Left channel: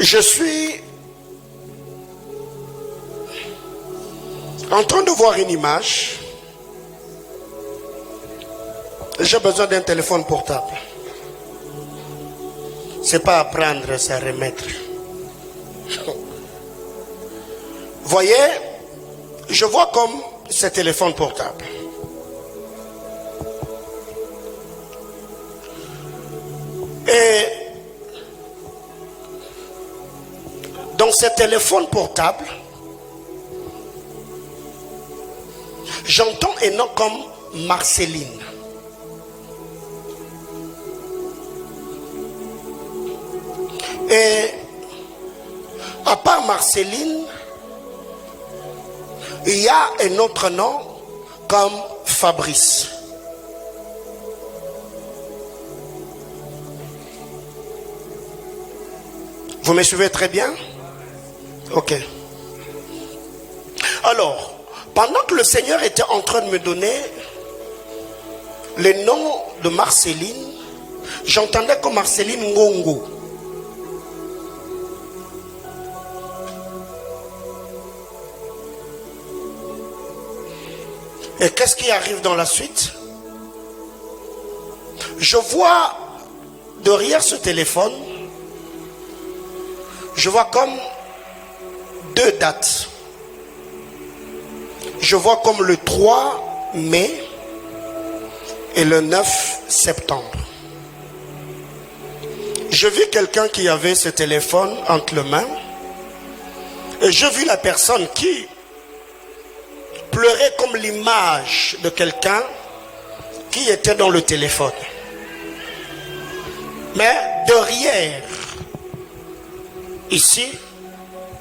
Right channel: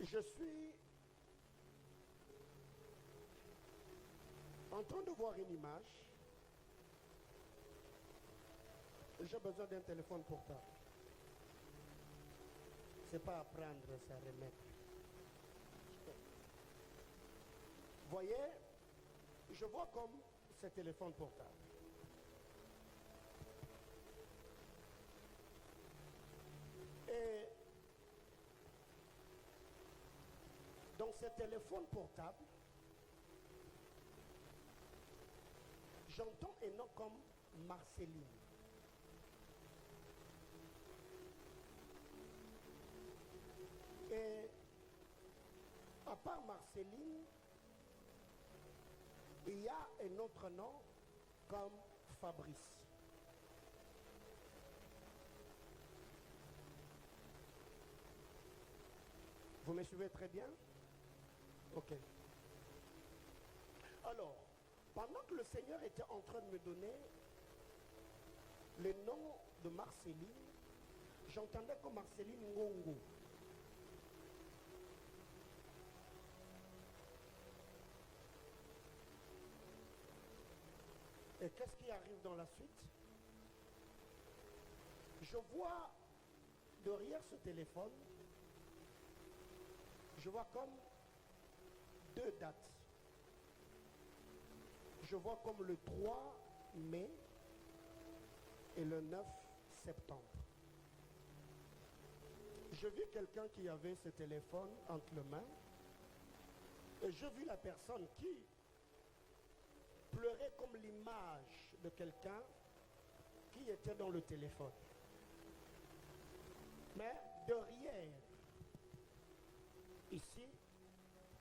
Je suis en train de voir une image. J'ai besoin d'un téléphone portable. C'est pas à prendre, c'est à remettre. Voyez, je vois comme ce téléphone portable. Et dans ce téléphone portable, j'entends un nom comme Marceline. Et à part Marceline, il y a un autre nom comme Fabrice. Vous me suivez très bien? Ok. Alors, pendant que le Seigneur était en train de me donner le nom de Marceline, j'entendais comme Marceline Ngongo. Et qu'est-ce qui arrive dans la suite? Je vois derrière ce téléphone, je vois comme deux dates. Je vois comme le 3 mai et le 9 septembre. Je vis quelqu'un qui avait ce téléphone entre les mains et je vis la personne qui pleurait comme l'image de quelqu'un qui était dans le téléphone. Mais derrière, ici,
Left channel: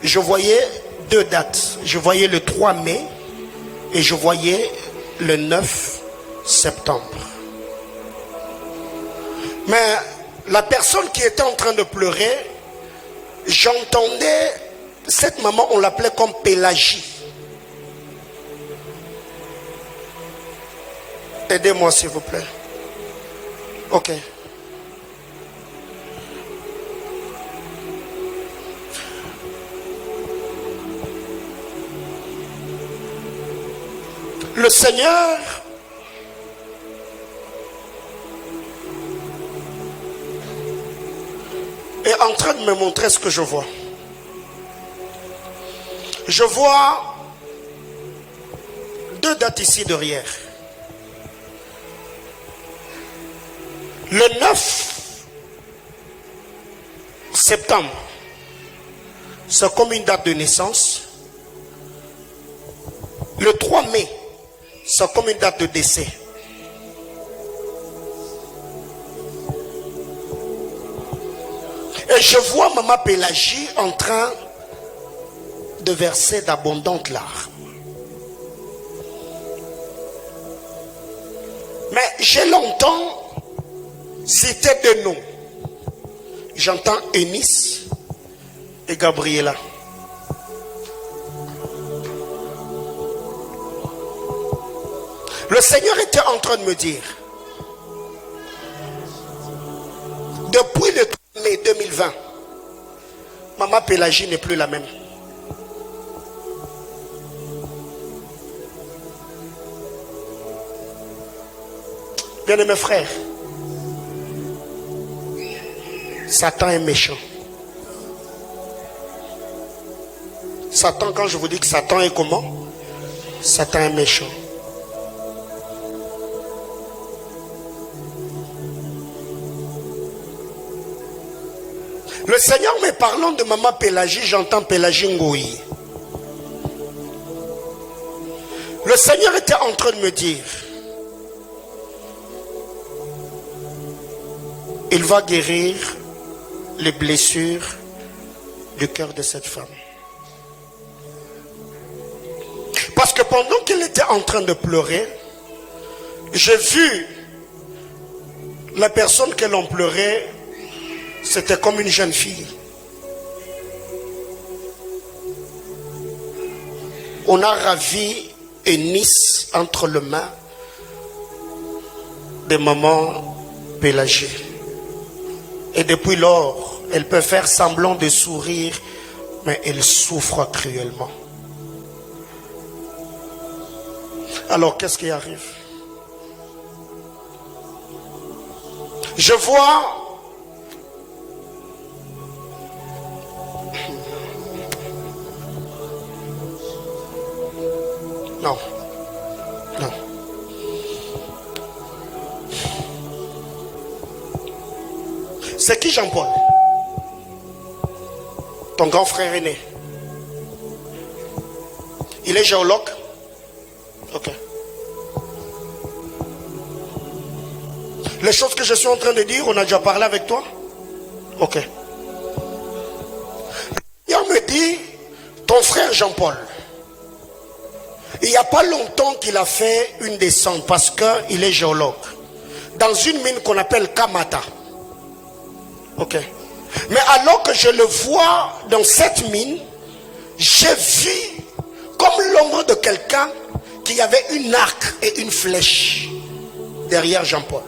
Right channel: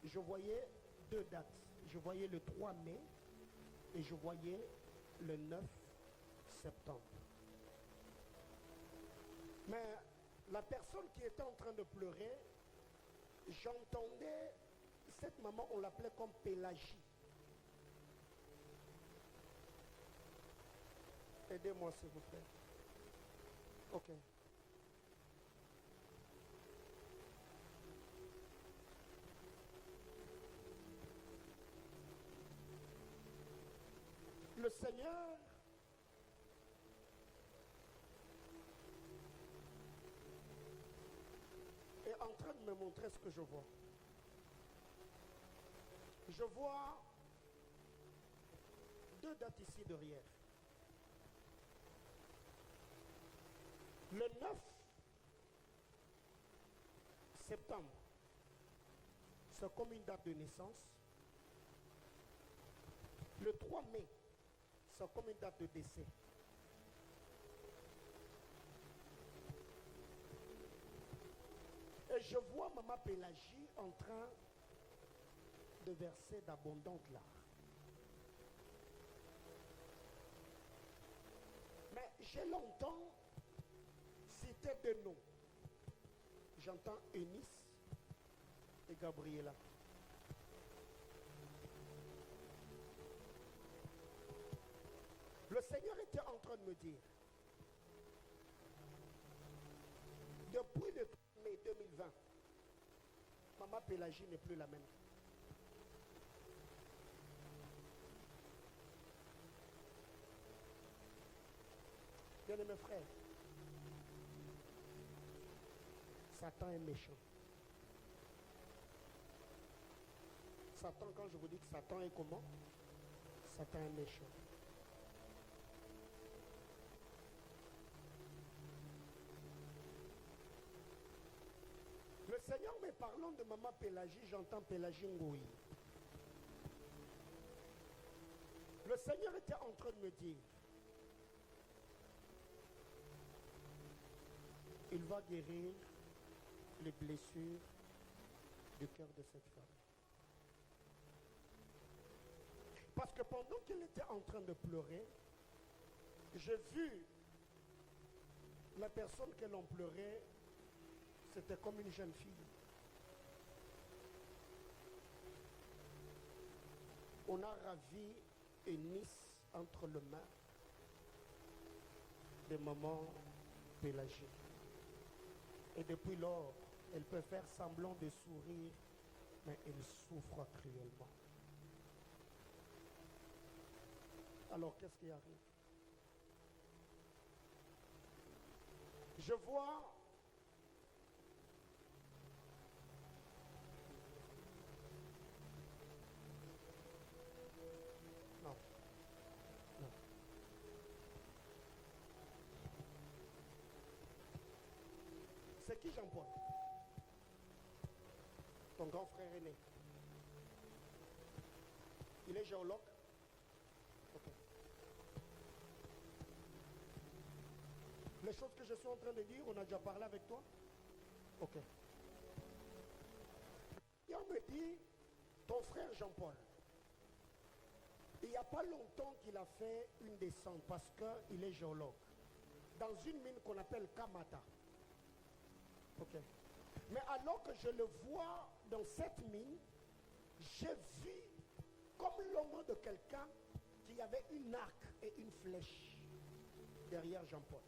je voyais deux dates. Je voyais le 3 mai et je voyais le 9 septembre. Mais la personne qui était en train de pleurer, j'entendais, cette maman, on l'appelait comme Pélagie. Aidez-moi s'il vous plaît. Ok. Le Seigneur est en train de me montrer ce que je vois. Je vois deux dates ici derrière. Le 9 septembre, c'est comme une date de naissance. Le 3 mai, c'est comme une date de décès. Et je vois Maman Pélagie en train de verser d'abondantes larmes. Mais j'ai longtemps cité deux noms. J'entends Eunice et Gabriela. Le Seigneur était en train de me dire, depuis le 3 mai 2020, Maman Pélagie n'est plus la même. Bien-aimés frères, Satan est méchant. Satan, quand je vous dis que Satan est comment? Satan est méchant. Le Seigneur me parlant de Maman Pélagie, j'entends Pélagie Ngoï. Le Seigneur était en train de me dire, il va guérir les blessures du cœur de cette femme. Parce que pendant qu'elle était en train de pleurer, j'ai vu la personne qu'elle en pleurait, c'était comme une jeune fille. On a ravi Eunice entre les mains de Maman Pélagie. Et depuis lors, Elle peut faire semblant de sourire, mais elle souffre cruellement. Alors, qu'est-ce qui arrive? Je vois non, non. C'est qui Jean-Paul? Ton grand frère aîné. Il est géologue? Ok. Les choses que je suis en train de dire, on a déjà parlé avec toi? Ok. Et on me dit, ton frère Jean-Paul, il n'y a pas longtemps qu'il a fait une descente parce qu'il est géologue. Dans une mine qu'on appelle Kamata. Ok. Mais alors que je le vois dans cette mine, j'ai vu comme l'ombre de quelqu'un qui avait une arc et une flèche derrière Jean-Paul.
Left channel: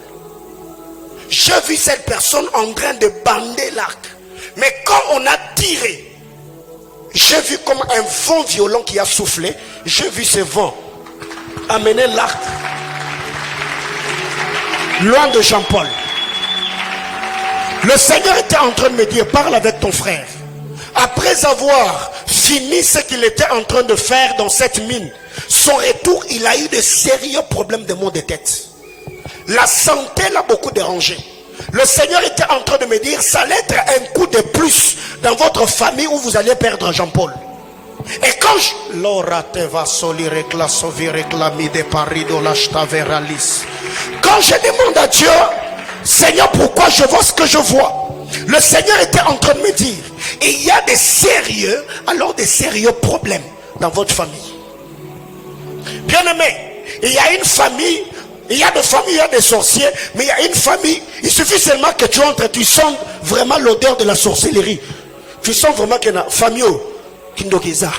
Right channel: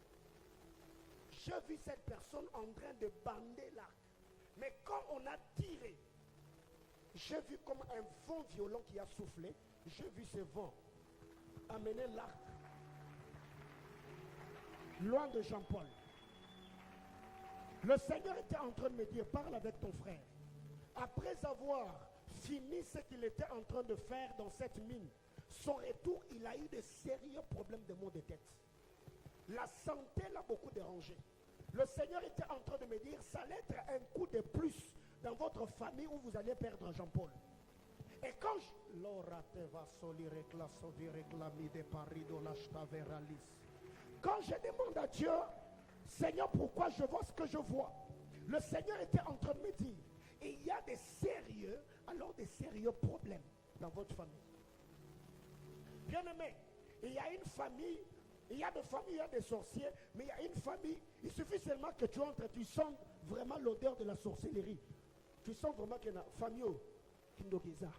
J'ai vu cette personne en train de bander l'arc. Mais quand on a tiré, j'ai vu comme un vent violent qui a soufflé. J'ai vu ce vent amener l'arc loin de Jean-Paul. Le Seigneur était en train de me dire, parle avec ton frère. Après avoir fini ce qu'il était en train de faire dans cette mine, son retour, il a eu de sérieux problèmes de maux de tête. La santé l'a beaucoup dérangé. Le Seigneur était en train de me dire, ça allait être un coup de plus dans votre famille où vous allez perdre Jean-Paul. Et quand je demande à Dieu, Seigneur, pourquoi je vois ce que je vois? Le Seigneur était en train de me dire, il y a des sérieux, alors des sérieux problèmes dans votre famille. Bien-aimé, il y a une famille, il y a des familles, il y a des sorciers, mais il y a une famille, il suffit seulement que tu entres, tu sens vraiment l'odeur de la sorcellerie. Tu sens vraiment qu'il y a une famille qui est là.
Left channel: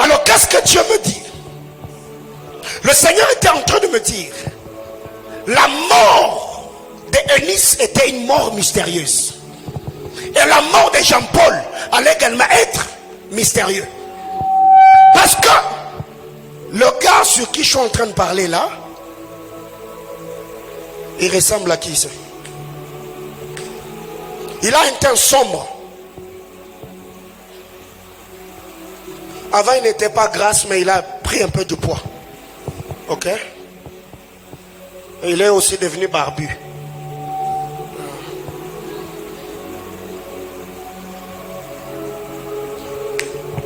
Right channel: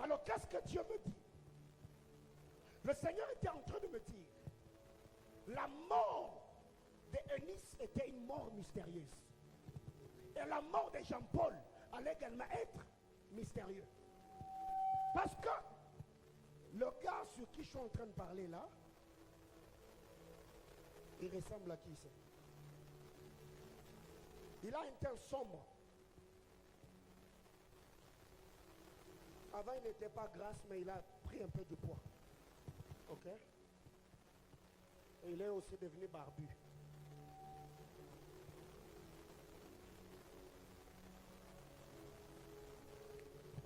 Alors qu'est-ce que Dieu me dit? Le Seigneur était en train de me dire, la mort d'Eunice était une mort mystérieuse. Et la mort de Jean-Paul allait également être mystérieux. Parce que le gars sur qui je suis en train de parler là, il ressemble à qui c'est? Il a un teint sombre. Avant il n'était pas grasse, mais il a pris un peu de poids. Ok? Et il est aussi devenu barbu.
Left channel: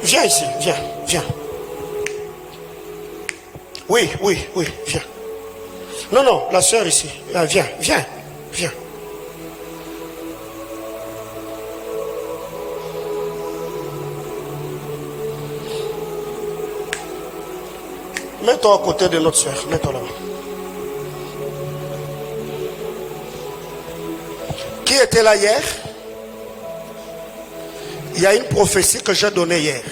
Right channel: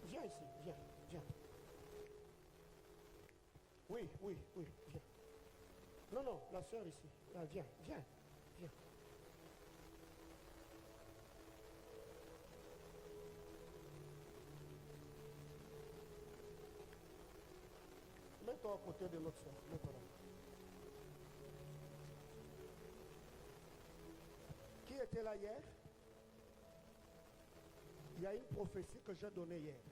Viens ici, viens, viens. Oui, viens. Non, la soeur ici. Viens. Mets-toi à côté de notre soeur, mets-toi là-bas. Qui était là hier? Il y a une prophétie que j'ai donnée hier.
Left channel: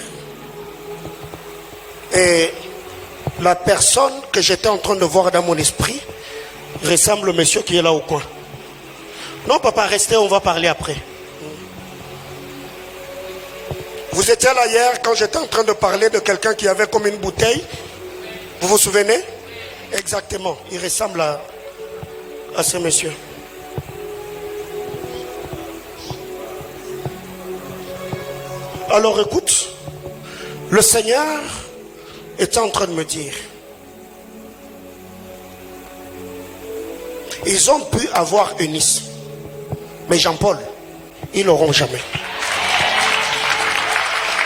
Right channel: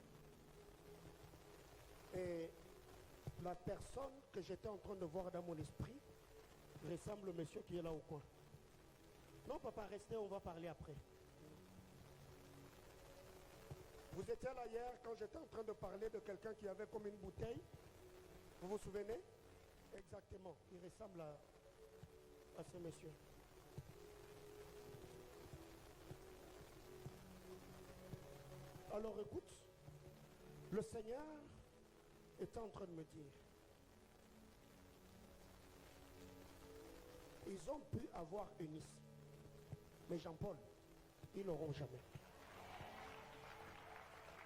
Et la personne que j'étais en train de voir dans mon esprit ressemble au monsieur qui est là au coin. Non, papa, restez, on va parler après. Vous étiez là hier quand j'étais en train de parler de quelqu'un qui avait comme une bouteille. Vous vous souvenez? Exactement. Il ressemble à ce monsieur. Alors écoute, le Seigneur était en train de me dire, ils ont pu avoir Eunice, mais Jean-Paul, ils l'auront jamais.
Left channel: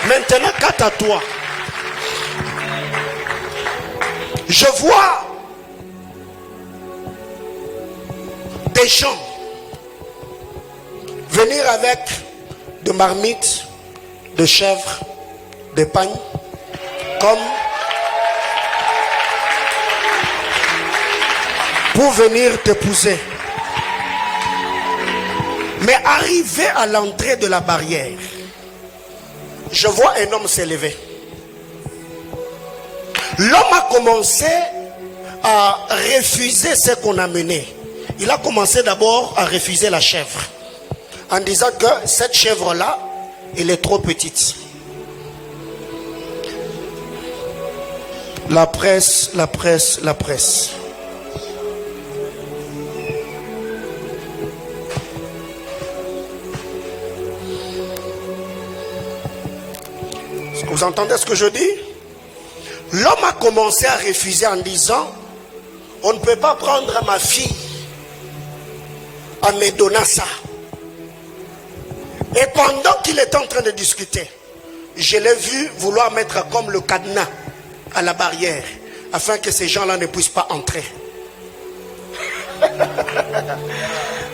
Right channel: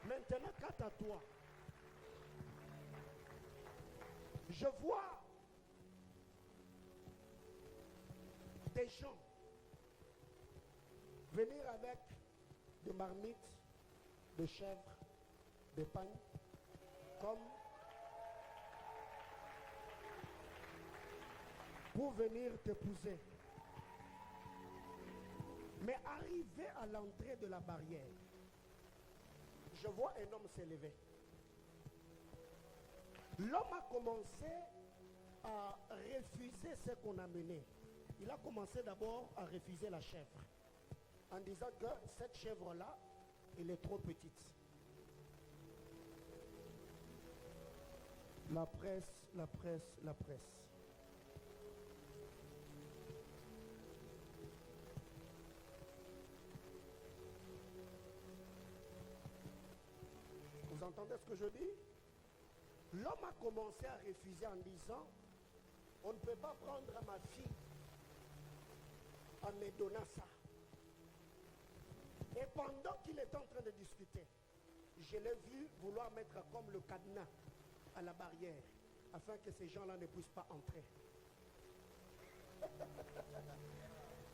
Maintenant, quant à toi, je vois des gens venir avec de marmites, de chèvres, de pagnes, comme pour venir t'épouser. Mais arrivé à l'entrée de la barrière, je vois un homme s'élever. L'homme a commencé à refuser ce qu'on a mené. Il a commencé d'abord à refuser la chèvre, en disant que cette chèvre-là, elle est trop petite. La presse, la presse, la presse. Vous entendez ce que je dis? L'homme a commencé à refuser en disant, on ne peut pas prendre ma fille en me donnant ça. Et pendant qu'il était en train de discuter, je l'ai vu vouloir mettre comme le cadenas à la barrière, afin que ces gens-là ne puissent pas entrer.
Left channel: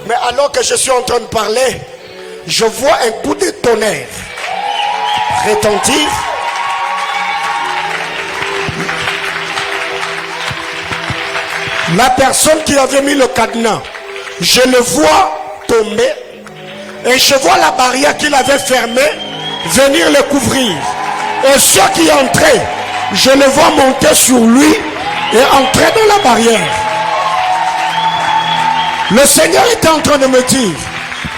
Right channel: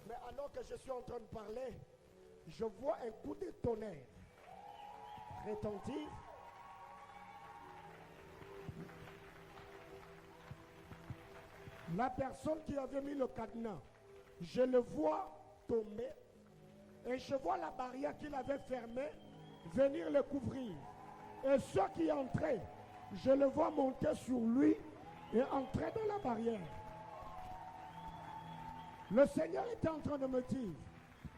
Mais alors que je suis en train de parler, je vois un coup de tonnerre retentir. La personne qui avait mis le cadenas, je le vois tomber et je vois la barrière qu'il avait fermée venir le couvrir. Et ceux qui entraient, je le vois monter sur lui et entrer dans la barrière. Le Seigneur était en train de me dire,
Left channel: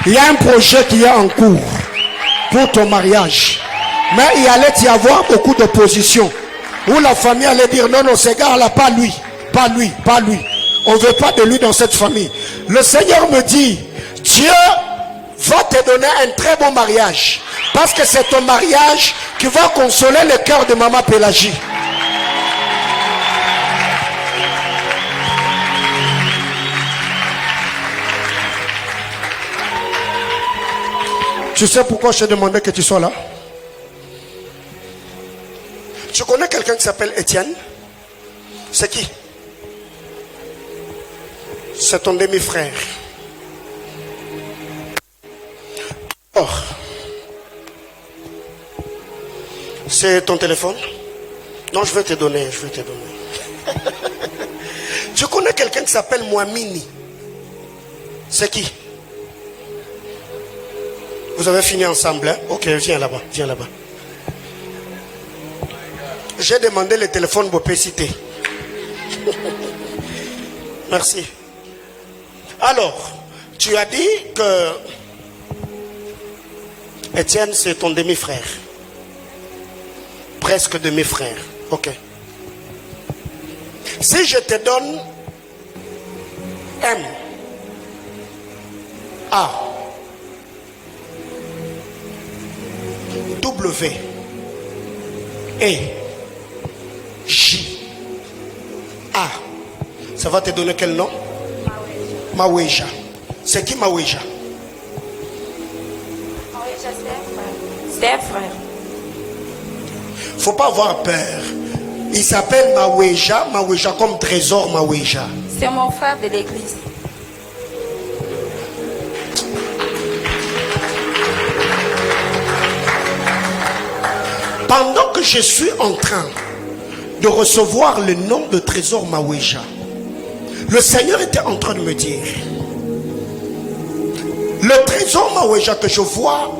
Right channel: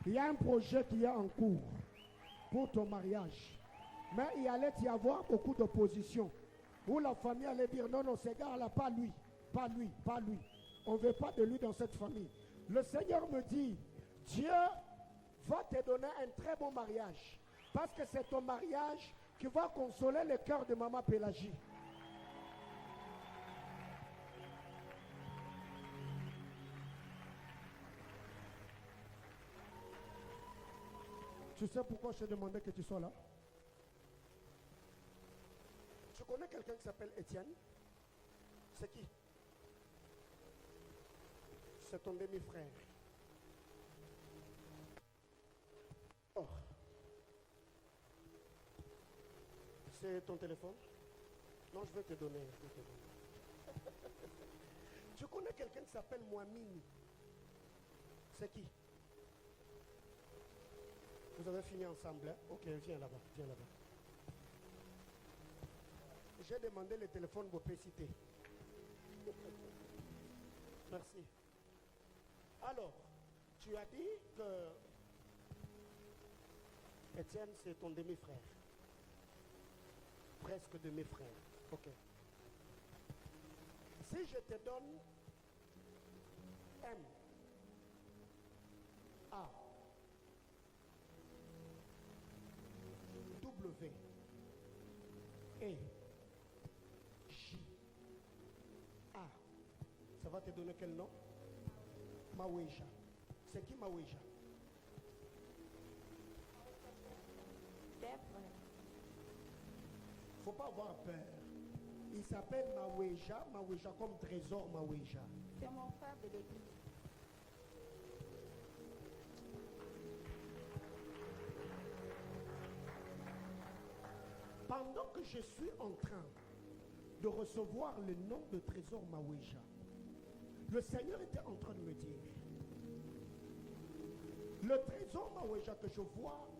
il y a un projet qui est en cours pour ton mariage. Mais il allait y avoir beaucoup d'opposition. Où la famille allait dire, non, non, ce gars-là, pas lui. Pas lui, pas lui. On ne veut pas de lui dans cette famille. Le Seigneur me dit, Dieu va te donner un très bon mariage. Parce que c'est ton mariage qui va consoler le cœur de maman Pélagie. Tu sais pourquoi je t'ai demandé que tu sois là? Tu connais quelqu'un qui s'appelle Étienne? C'est qui? C'est ton demi-frère. Oh. C'est ton téléphone? Non, je vais te donner, je vais te donner. Tu connais quelqu'un qui s'appelle Mouamini? C'est qui? Vous avez fini ensemble, hein? Ok, viens là-bas, viens là-bas. J'ai demandé le téléphone Bopé-Cité. Merci. Alors, tu as dit que Étienne, c'est ton demi-frère. Presque demi-frère. Ok. Si je te donne M, A, W, E, J, A, ça va te donner quel nom? Maweja. C'est qui Maweja? Maweja, c'est un frère. Faut pas avoir peur. Il s'appelle Maweja, Maweja comme trésor Maweja. C'est mon frère de l'église. Pendant que je suis en train de recevoir le nom de trésor Maweja, le Seigneur était en train de me dire, le trésor Maweja que je vois,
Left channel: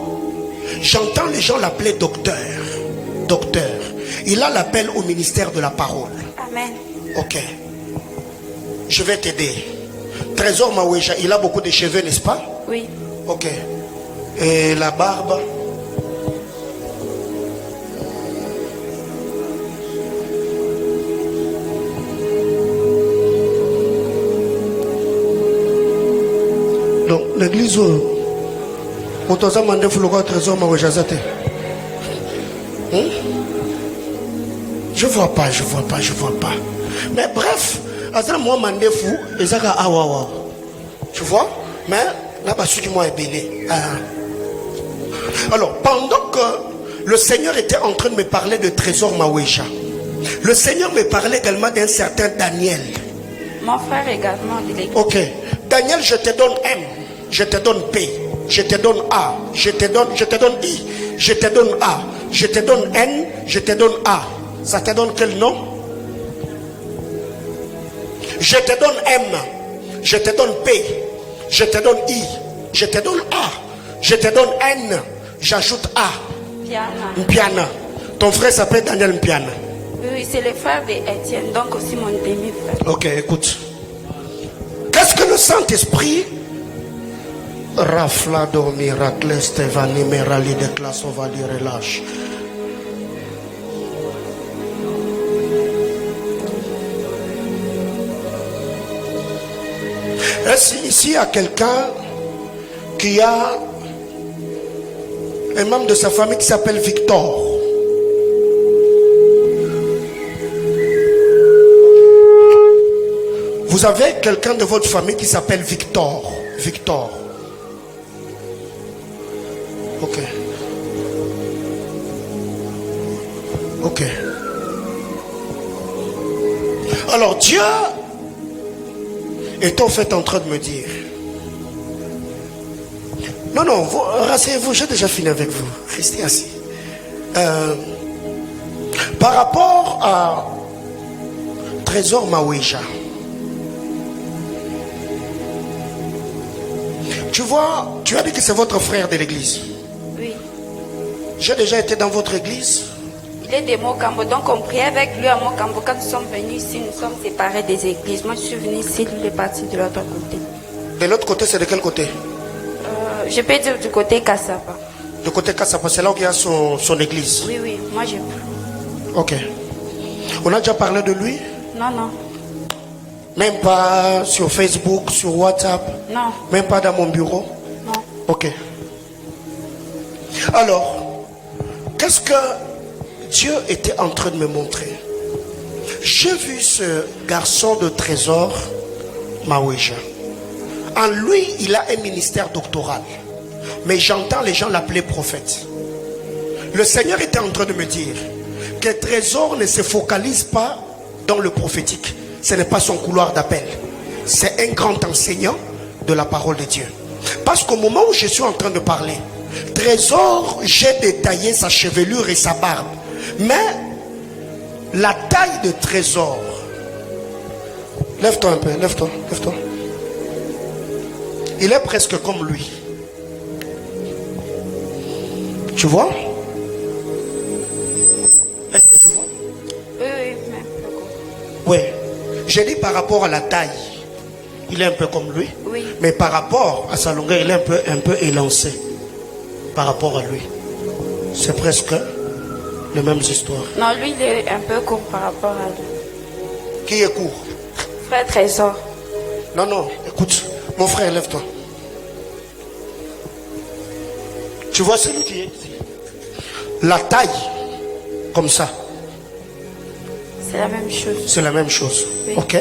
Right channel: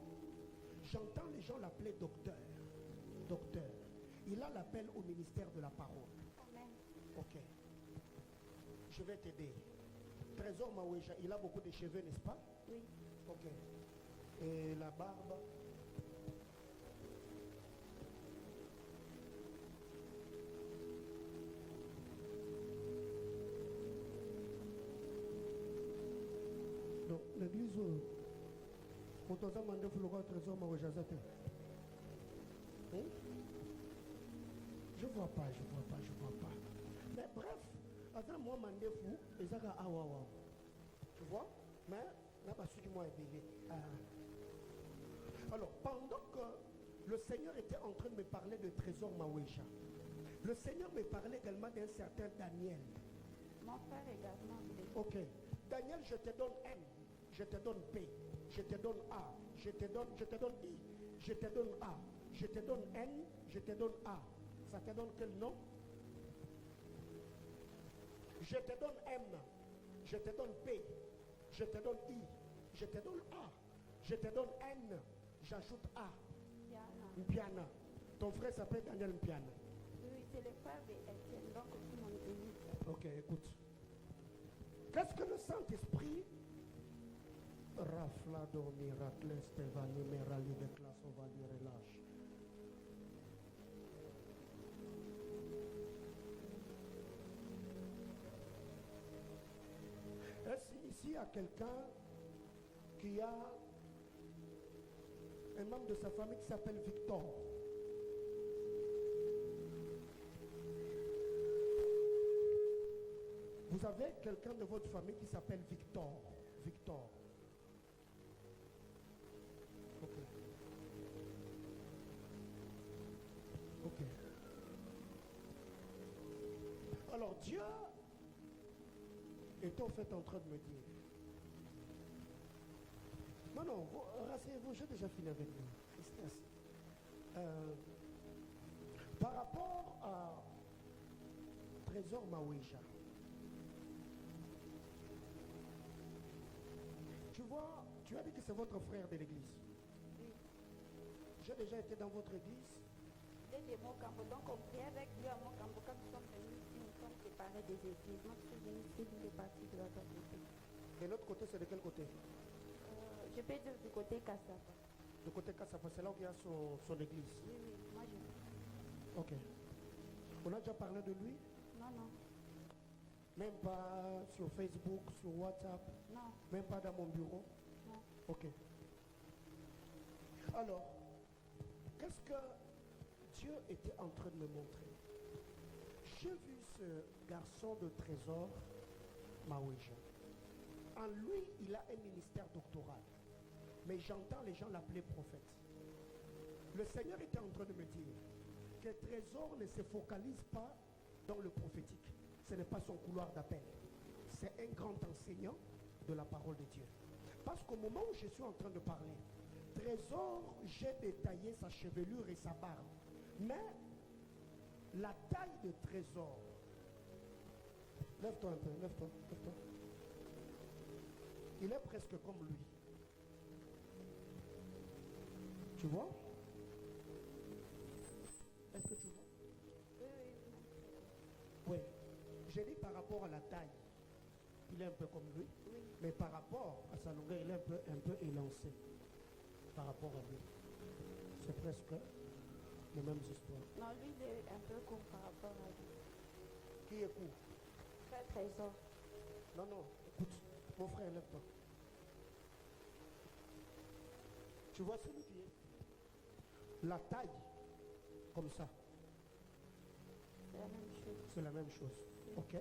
j'entends les gens l'appeler docteur. Docteur. Il a l'appel au ministère de la parole. Amen. Ok. Je vais t'aider. Trésor Maweja, il a beaucoup de cheveux, n'est-ce pas? Oui. Ok. Et la barbe? Donc, l'église, on t'a demandé le trésor Maweja. Je vois pas, je vois pas, je vois pas. Mais bref, moi, mandefou, et ça, tu vois? Mais là-bas, celui qui m'a ébélé. Alors, pendant que le Seigneur était en train de me parler de trésor Maweja, le Seigneur me parlait également d'un certain Daniel. Mon frère également de l'église. Ok. Daniel, je te donne M, je te donne P, je te donne A, je te donne I, je te donne A, je te donne N, je te donne A. Ça te donne quel nom? Je te donne M, je te donne P, je te donne I, je te donne A, je te donne N, j'ajoute A. Piana. Mpiana. Ton frère s'appelle Daniel Mpiana. Oui, c'est le frère d'Étienne, donc aussi mon demi-frère. Ok, écoute. Qu'est-ce que le Saint-Esprit Raflado miracle Stevani Merali de classe on va dire relâche. Est-ce ici il y a quelqu'un qui a un membre de sa famille qui s'appelle Victor? Vous avez quelqu'un de votre famille qui s'appelle Victor? Victor. Ok. Ok. Alors Dieu est en fait en train de me dire. Non, non, rasseyez-vous, j'ai déjà fini avec vous. Restez assis. Par rapport à Trésor Maouija. Tu vois, tu as dit que c'est votre frère de l'église. Oui. J'ai déjà été dans votre église. Il est de Mokambo, donc on priait avec lui à Mokambo. Quand nous sommes venus ici, nous sommes séparés des églises. Moi, je suis venu ici, lui est parti de l'autre côté. De l'autre côté, c'est de quel côté? Je peux dire du côté Kassapa. Du côté Kassapa, c'est là où il y a son église. Oui, oui, moi j'ai plus. Ok. On a déjà parlé de lui? Non, non. Même pas sur Facebook, sur WhatsApp? Non. Même pas dans mon bureau? Non. Ok. Alors, qu'est-ce que Dieu était en train de me montrer? J'ai vu ce garçon de Trésor Maouija. En lui, il a un ministère doctoral. Mais j'entends les gens l'appeler prophète. Le Seigneur était en train de me dire que Trésor ne se focalise pas dans le prophétique. Ce n'est pas son couloir d'appel. C'est un grand enseignant de la parole de Dieu. Parce qu'au moment où je suis en train de parler, Trésor, j'ai détaillé sa chevelure et sa barbe. Mais la taille de Trésor, lève-toi un peu, lève-toi, lève-toi. Il est presque comme lui. Tu vois? Est-ce que tu vois? Oui, oui, même. Oui. J'ai dit par rapport à la taille, il est un peu comme lui. Oui. Mais par rapport à sa longueur, il est un peu élancé. Par rapport à lui. C'est presque les mêmes histoires. Non, lui, il est un peu court par rapport à lui. Qui est court? Frère Trésor. Non, non, écoute, mon frère, lève-toi. Tu vois celui qui est ici? La taille, comme ça. C'est la même chose. C'est la même chose. Oui. Ok?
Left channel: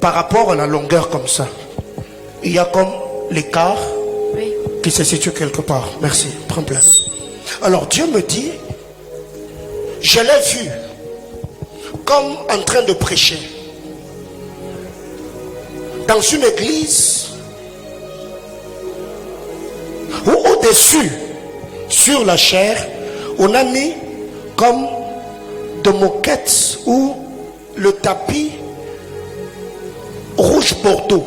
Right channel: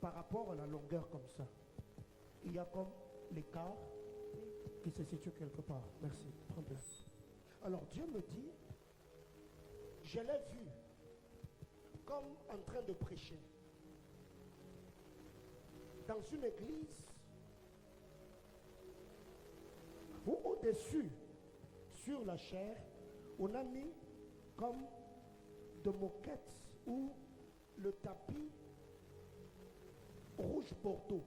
Par rapport à la longueur comme ça, il y a comme l'écart Oui. qui se situe quelque part. Merci. Prends place. Alors Dieu me dit, je l'ai vu comme en train de prêcher dans une église où au-dessus, sur la chair, on a mis comme de moquettes ou le tapis rouge bordeaux.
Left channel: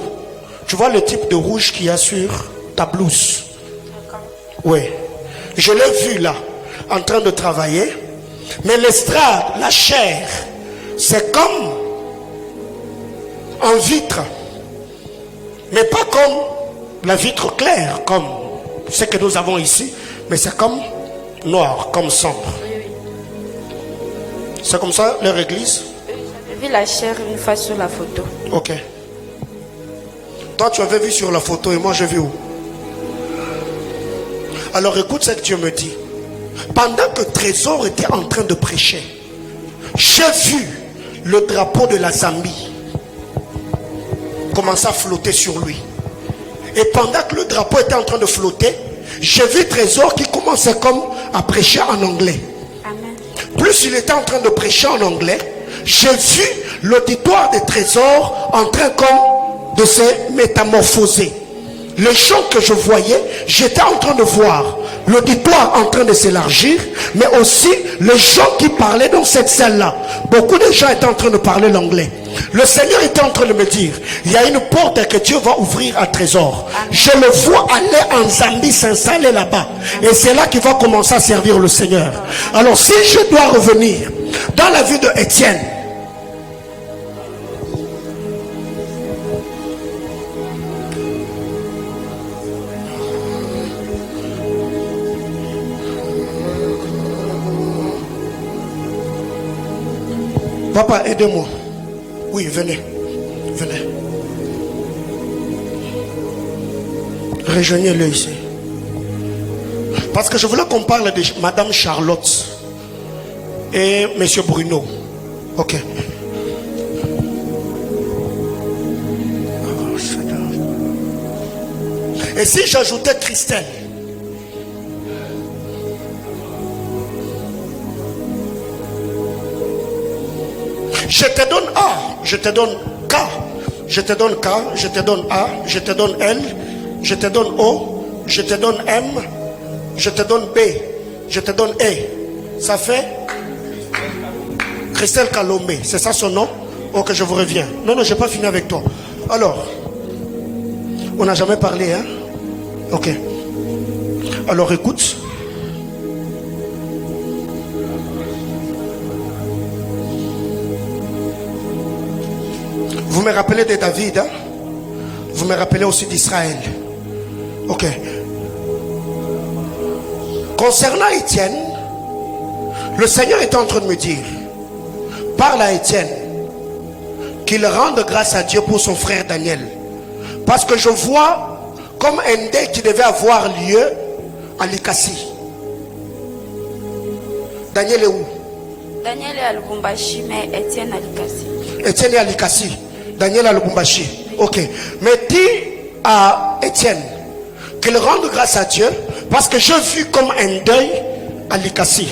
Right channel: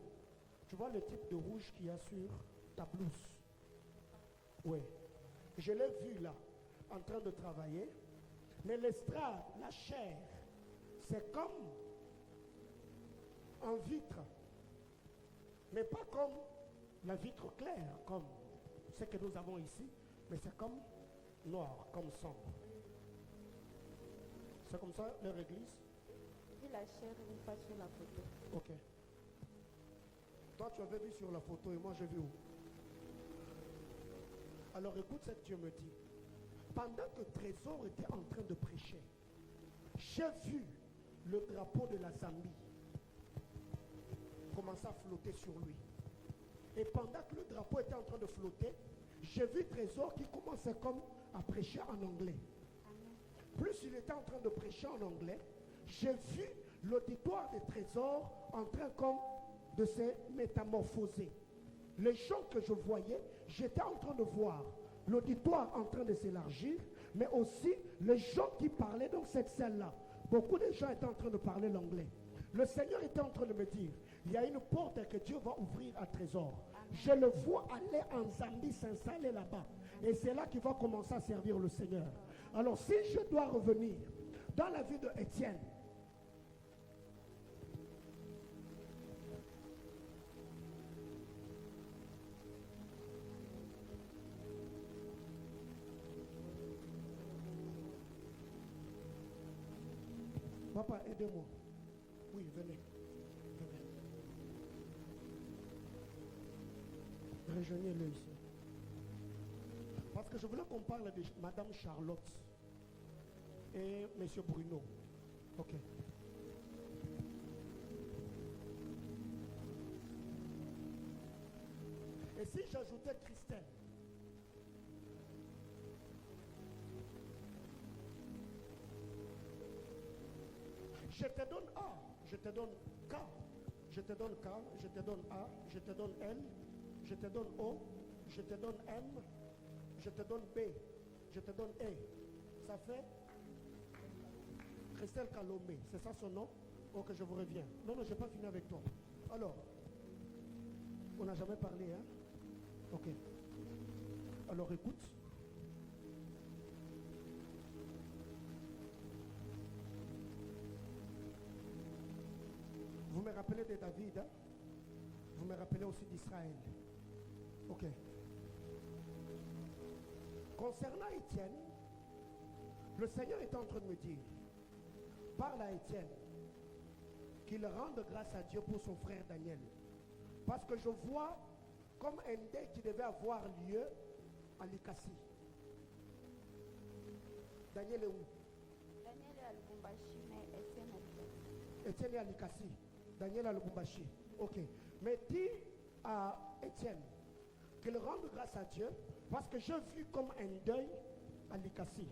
Tu vois le type de rouge qu'il y a sur ta blouse? Oui. Je l'ai vu là, en train de travailler. Mais l'estrade, la chair, c'est comme en vitre. Mais pas comme la vitre claire, comme ce que nous avons ici. Mais c'est comme noir, comme sombre. C'est comme ça leur église? J'ai vu la chair une fois sur la photo. Ok. Toi, tu avais vu sur la photo et moi, j'ai vu où? Alors, écoute ce que Dieu me dit. Pendant que Trésor était en train de prêcher, j'ai vu le drapeau de la Zambie commencer à flotter sur lui. Et pendant que le drapeau était en train de flotter, j'ai vu Trésor qui commençait comme à prêcher en anglais. Amen. Plus il était en train de prêcher en anglais, j'ai vu l'auditoire des Trésors en train comme de se métamorphoser. Les gens que je voyais, j'étais en train de voir l'auditoire en train de s'élargir, mais aussi les gens qui parlaient dans cette salle-là. Beaucoup de gens étaient en train de parler l'anglais. Le Seigneur était en train de me dire, il y a une porte que Dieu va ouvrir à Trésor. Je le vois aller en Zambie, s'installer là-bas. Et c'est là qu'il va commencer à servir le Seigneur. Alors si je dois revenir dans la vie de Étienne, Papa, aidez-moi. Oui, venez. Venez. Rejoignez-le ici. Parce que je voulais qu'on parle de Madame Charlotte et Monsieur Bruno. Ok. Et si j'ajoutais Christelle? Je te donne A, je te donne K, je te donne K, je te donne A, je te donne L, je te donne O, je te donne M, je te donne B, je te donne E. Ça fait Christelle Kalombe, c'est ça son nom? Ok, je vous reviens. Non, je n'ai pas fini avec toi. Alors, on n'a jamais parlé, hein? Ok. Alors écoute. Vous me rappelez de David, hein? Vous me rappelez aussi d'Israël. Ok. Concernant Étienne, le Seigneur est en train de me dire, parle à Étienne, qu'il rende grâce à Dieu pour son frère Daniel. Parce que je vois comme un dé qui devait avoir lieu à Likasi. Daniel est où? Daniel est à Lubumbashi, mais Étienne à Likasi. Étienne est à Likasi. Daniel à Lubumbashi. Ok. Mais dis à Étienne qu'il rende grâce à Dieu parce que j'ai vu comme un deuil à Likasi.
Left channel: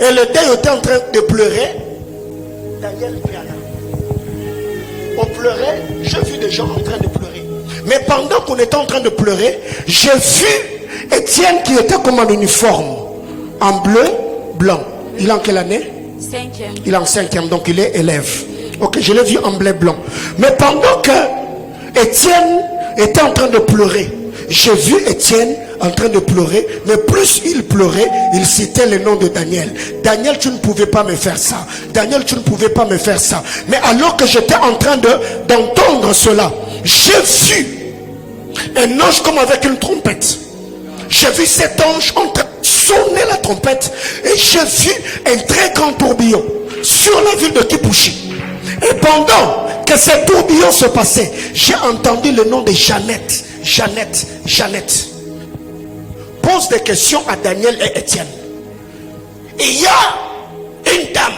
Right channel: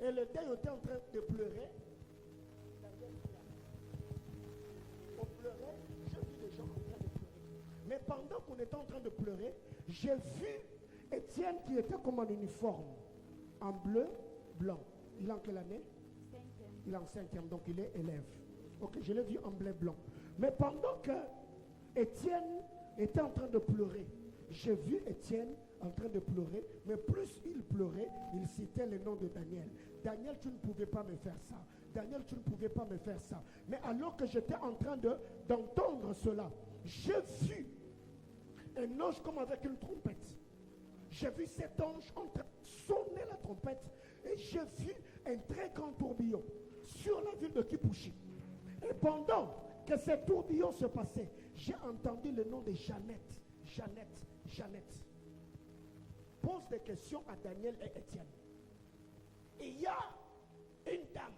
Et le deuil était en train de pleurer. Daniel vient là. On pleurait, j'ai vu des gens en train de pleurer. Mais pendant qu'on était en train de pleurer, j'ai vu Étienne qui était comme en uniforme, en bleu, blanc. Il est en quelle année? 5e. Il est en 5e, donc il est élève. Ok, je l'ai vu en bleu blanc. Mais pendant que Étienne était en train de pleurer, j'ai vu Étienne en train de pleurer, mais plus il pleurait, il citait le nom de Daniel. Daniel, tu ne pouvais pas me faire ça. Daniel, tu ne pouvais pas me faire ça. Mais alors que j'étais en train d'entendre cela, j'ai vu un ange comme avec une trompette. J'ai vu cet ange en train de sonner la trompette et j'ai vu un très grand tourbillon sur la ville de Kipushi. Et pendant que ce tourbillon se passait, j'ai entendu le nom de Jeannette. Jeannette, Jeannette. Pose des questions à Daniel et Étienne. Il y a une dame.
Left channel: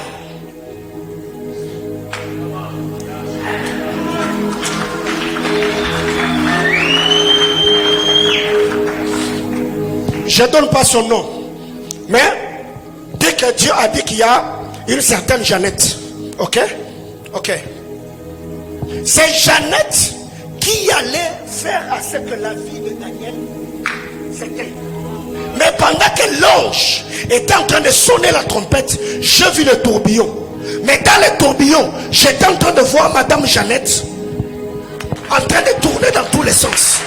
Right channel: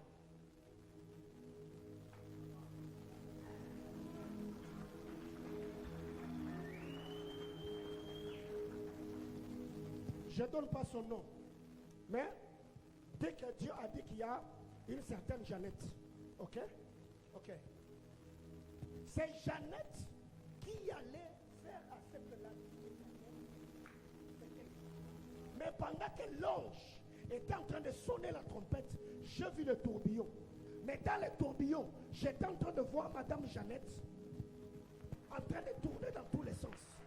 Je ne donne pas son nom. Mais dès que Dieu a dit qu'il y a une certaine Jeannette. Ok? Ok. C'est Jeannette qui allait faire à ce que la vie de Daniel c'était. Mais pendant que l'ange était en train de sonner la trompette, j'ai vu le tourbillon. Mais dans le tourbillon, j'étais en train de voir Madame Jeannette en train de tourner dans tous les sens.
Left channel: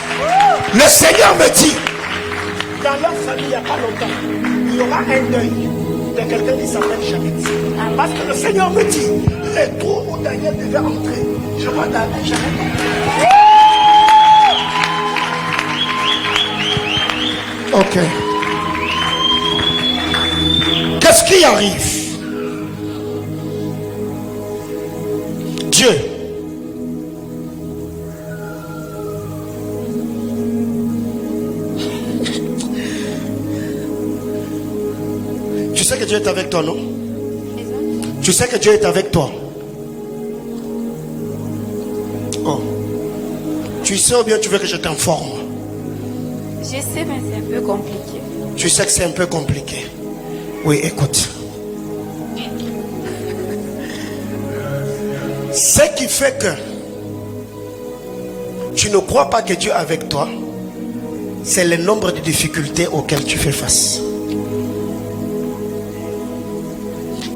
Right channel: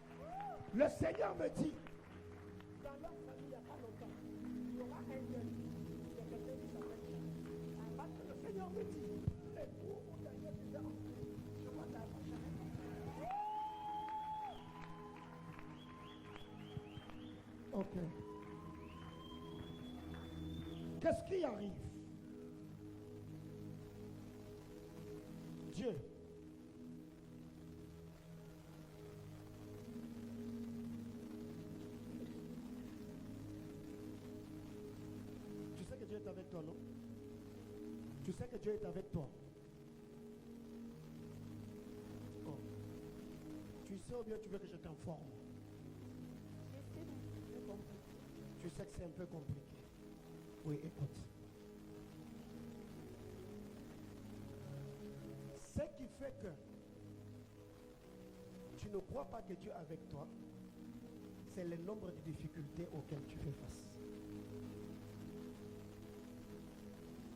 Le Seigneur me dit, dans leur famille, il n'y a pas longtemps, il y aura un deuil de quelqu'un qui s'appelle Jeannette. Parce que le Seigneur me dit, les trous où Daniel devait entrer, je vois Daniel Jeannette. Ok. Qu'est-ce qui arrive? Dieu. Tu sais que Dieu est avec toi, non? Tu sais que Dieu est avec toi. Oh. Tu sais ou bien tu veux que je t'informe? Je sais, mais c'est un peu compliqué. Tu sais que c'est un peu compliqué. Oui, écoute. Ce qui fait que tu ne crois pas que Dieu est avec toi, c'est le nombre de difficultés auxquelles tu fais face.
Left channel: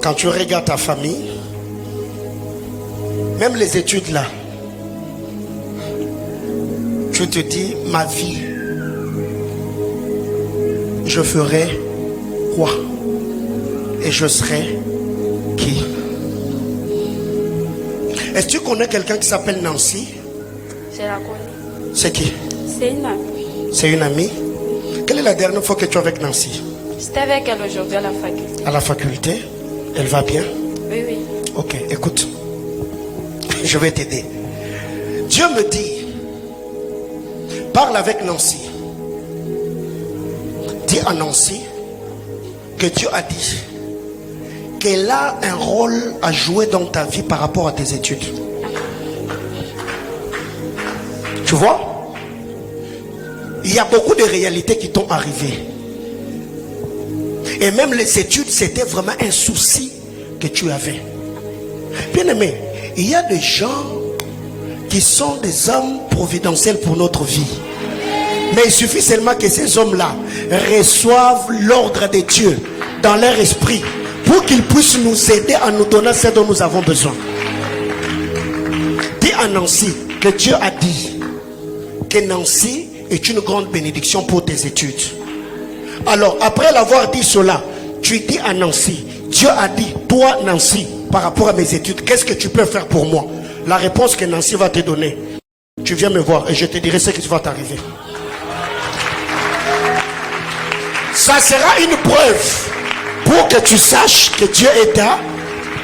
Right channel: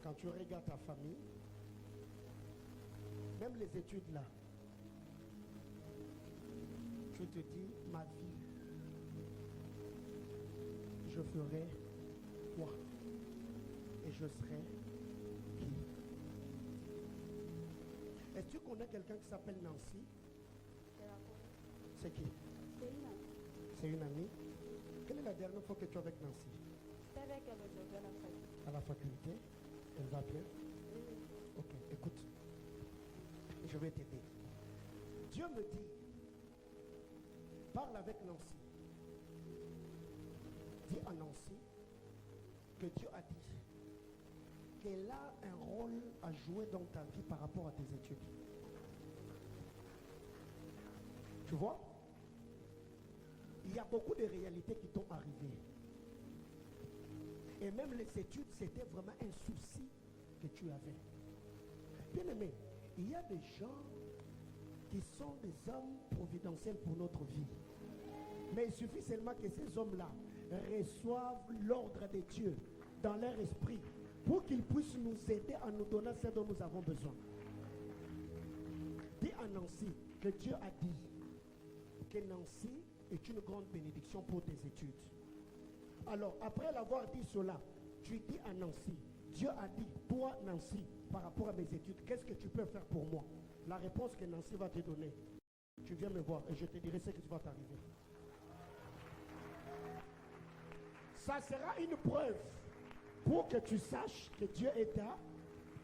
Quand tu regardes ta famille, même les études là, tu te dis, ma vie, je ferai quoi? Et je serai qui? Est-ce que tu connais quelqu'un qui s'appelle Nancy? Je la connais. C'est qui? C'est une amie. C'est une amie? Quelle est la dernière fois que tu es avec Nancy? J'étais avec elle aujourd'hui à la faculté. À la faculté? Elle va bien? Oui, oui. Ok, écoute. Je vais t'aider. Dieu me dit, parle avec Nancy. Dis à Nancy que Dieu a dit qu'elle a un rôle à jouer dans ta vie par rapport à tes études. Tu vois? Il y a beaucoup de réalités qui t'ont arrivé. Et même les études, c'était vraiment un souci que tu avais. Bien aimé, il y a des gens qui sont des hommes providentiels pour notre vie. Mais il suffit seulement que ces hommes-là reçoivent l'ordre de Dieu dans leur esprit pour qu'ils puissent nous aider à nous donner ce dont nous avons besoin. Dis à Nancy que Dieu a dit que Nancy est une grande bénédiction pour tes études. Alors, après l'avoir dit cela, tu dis à Nancy, Dieu a dit, toi Nancy, par rapport à mes études, qu'est-ce que tu peux faire pour moi? La réponse que Nancy va te donner, tu viens me voir et je te dirai ce qui va t'arriver. Ça sera une preuve pour que tu saches que Dieu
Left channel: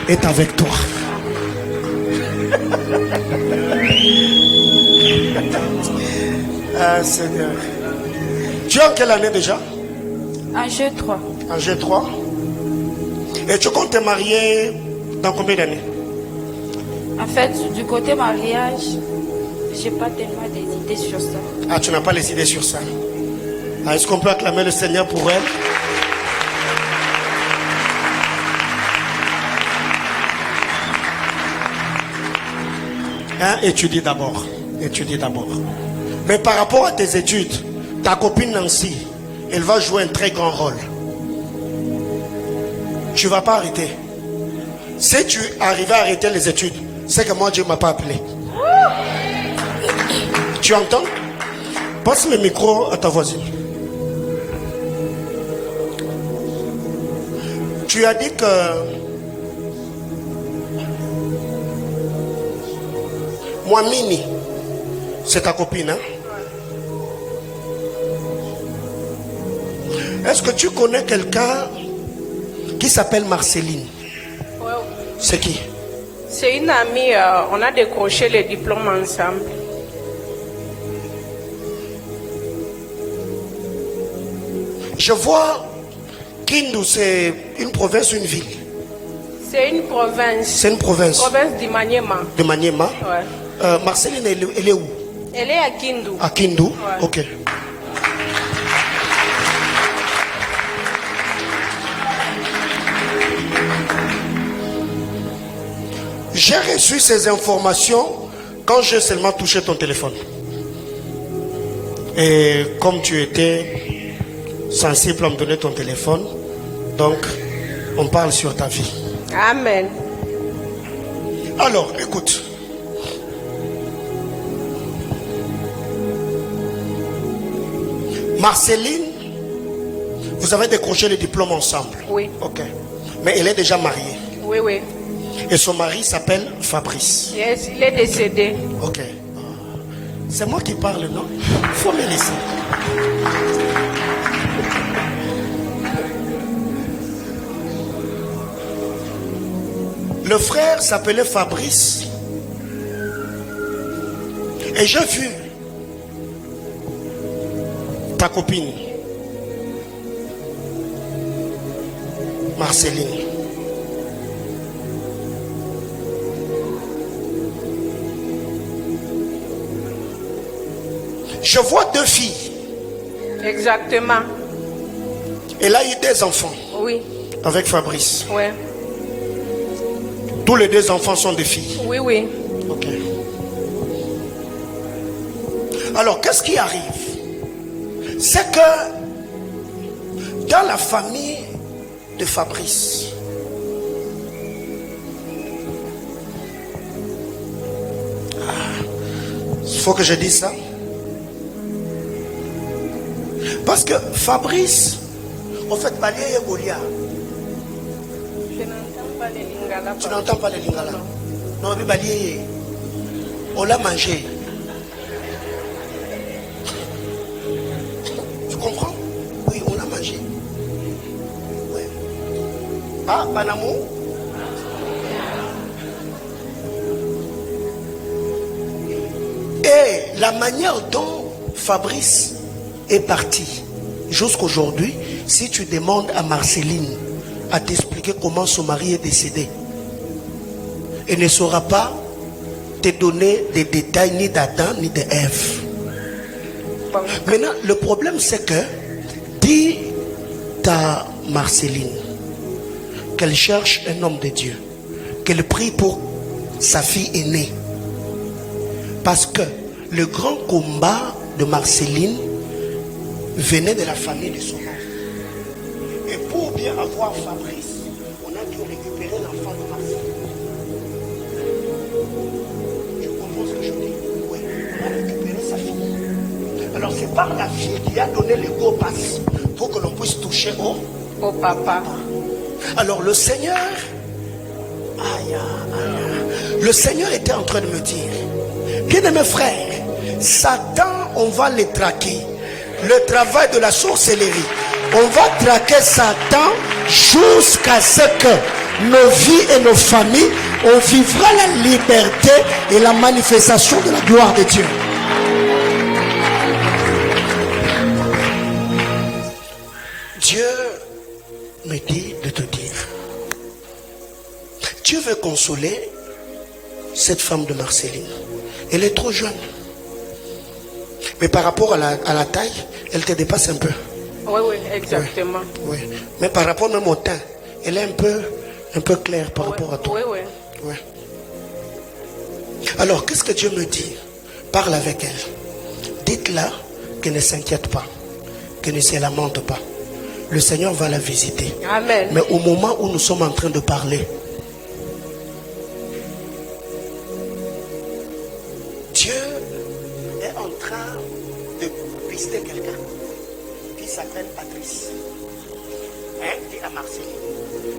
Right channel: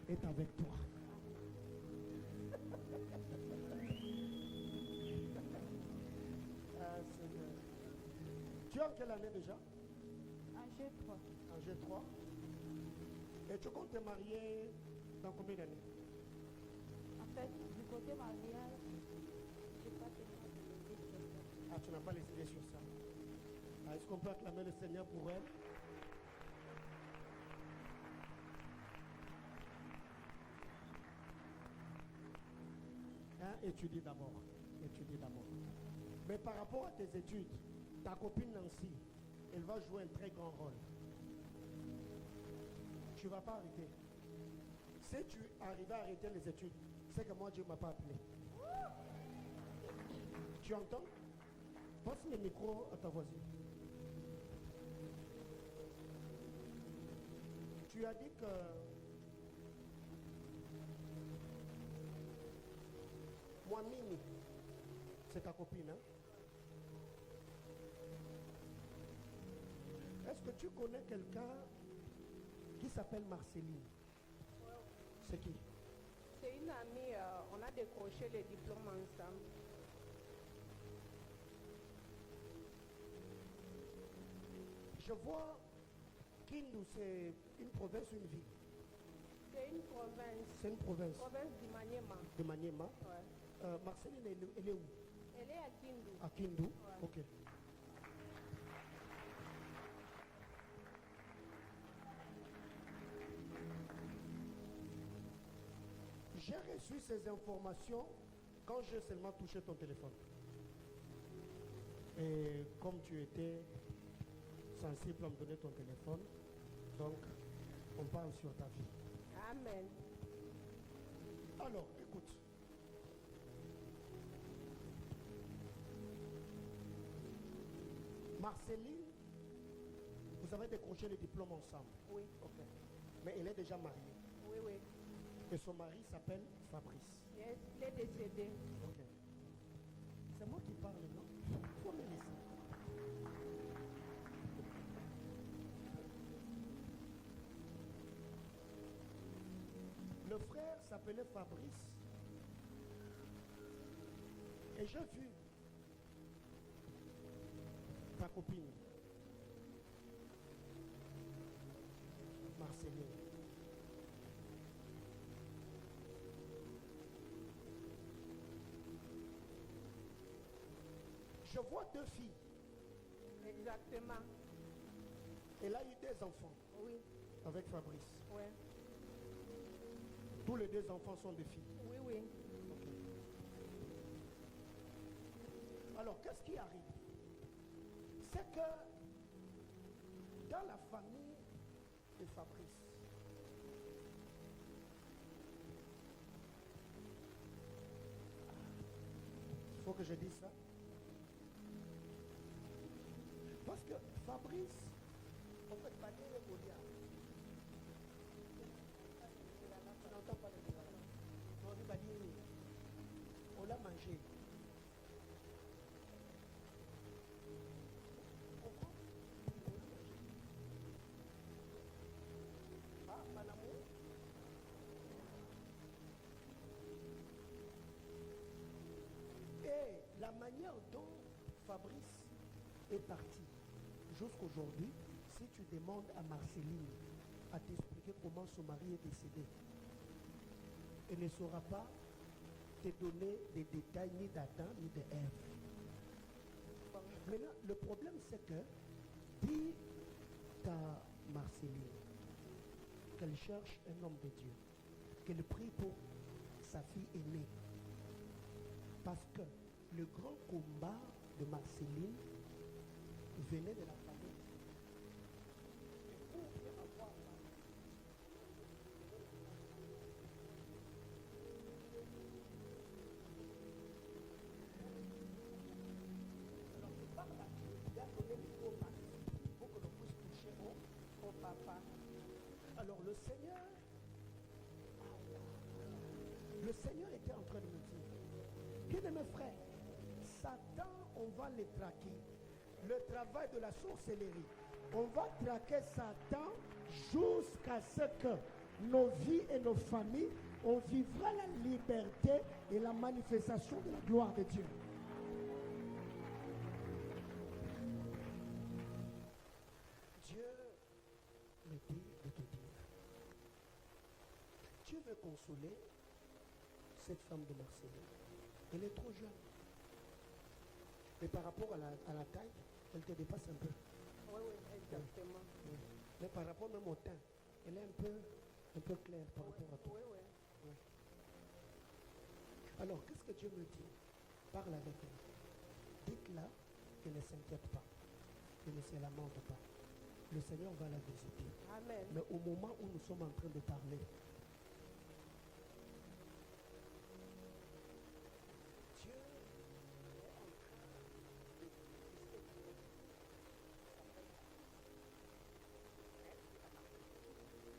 est avec toi. Ah Seigneur. Tu es en quelle année déjà? En G3. En G3. Et tu comptes te marier dans combien d'années? En fait, du côté mariage, j'ai pas tellement des idées sur ça. Ah, tu n'as pas les idées sur ça. Ah, est-ce qu'on peut acclamer le Seigneur pour elle? Hein? Étudie d'abord. Étudie d'abord. Mais par rapport à tes études, ta copine Nancy, elle va jouer un très grand rôle. Tu ne vas pas arrêter. Si tu arrives à arrêter les études, c'est que moi Dieu ne m'a pas appelé. Tu entends? Passe le micro à ta voisine. Tu as dit que moi Mini, c'est ta copine, hein? Est-ce que tu connais quelqu'un qui s'appelle Marceline? Ouais. C'est qui? C'est une amie, on a décroché les diplômes ensemble. Je vois Kindu, c'est une province ou une ville? C'est une province. C'est une province. Province du Maniema. De Maniema. Ouais. Marceline, elle est où? Elle est à Kindu. À Kindu. Ouais. Ok. J'ai reçu ces informations quand j'ai seulement touché ton téléphone. Et comme tu étais sensible à me donner ton téléphone, donc on parle sur ta vie. Amen. Alors, écoute. Marceline, vous avez décroché les diplômes ensemble? Oui. Ok. Mais elle est déjà mariée. Oui, oui. Et son mari s'appelle Fabrice. Yes, il est décédé. Ok. C'est moi qui parle, non? Il faut me laisser. Le frère s'appelait Fabrice. Et j'ai vu ta copine, Marceline. Je vois deux filles. Exactement. Elle a eu des enfants Oui. avec Fabrice. Oui. Tous les deux enfants sont des filles. Oui, oui. Ok. Alors, qu'est-ce qui arrive? C'est que dans la famille de Fabrice, il faut que je dise ça. Parce que Fabrice, en fait, Balié et Goliath. Je n'entends pas les lingala. Tu n'entends pas les lingala? Non, mais Balié, on l'a mangé. Tu comprends? Oui, on l'a mangé. Ouais. Ah, Banamou? la manière dont Fabrice est parti jusqu'aujourd'hui, si tu demandes à Marceline à t'expliquer comment son mari est décédé, elle ne saura pas te donner des détails ni d'Adam ni d'Ève. Maintenant, le problème c'est que dis à Marceline qu'elle cherche un homme de Dieu, qu'elle prie pour sa fille aînée. Parce que le grand combat de Marceline venait de la famille de son oncle. Et pour bien avoir Fabrice, on a dû récupérer l'enfant de Marceline. Je comprends ce que je dis. Oui, on a récupéré sa fille. Alors c'est par la fille qui a donné le go pass pour que l'on puisse toucher au papa. Alors le Seigneur, le Seigneur était en train de me dire, bien-aimés frères, Satan, on va les traquer. Le travail de la sorcellerie, on va traquer Satan jusqu'à ce que nos vies et nos familles, on vivra la liberté et la manifestation de la gloire de Dieu. Dieu me dit de te dire, Dieu veut consoler cette femme de Marceline. Elle est trop jeune. Mais par rapport à la taille, elle te dépasse un peu. Oui, exactement. Oui. Mais par rapport même au teint, elle est un peu claire par rapport à toi. Oui. Alors, qu'est-ce que Dieu me dit? Parle avec elle. Dites-la qu'elle ne s'inquiète pas, qu'elle ne se lamente pas. Le Seigneur va la visiter. Amen. Mais au moment où nous sommes en train de parler, Dieu est en train de pister quelqu'un qui s'appelle Patrice. Dit à Marceline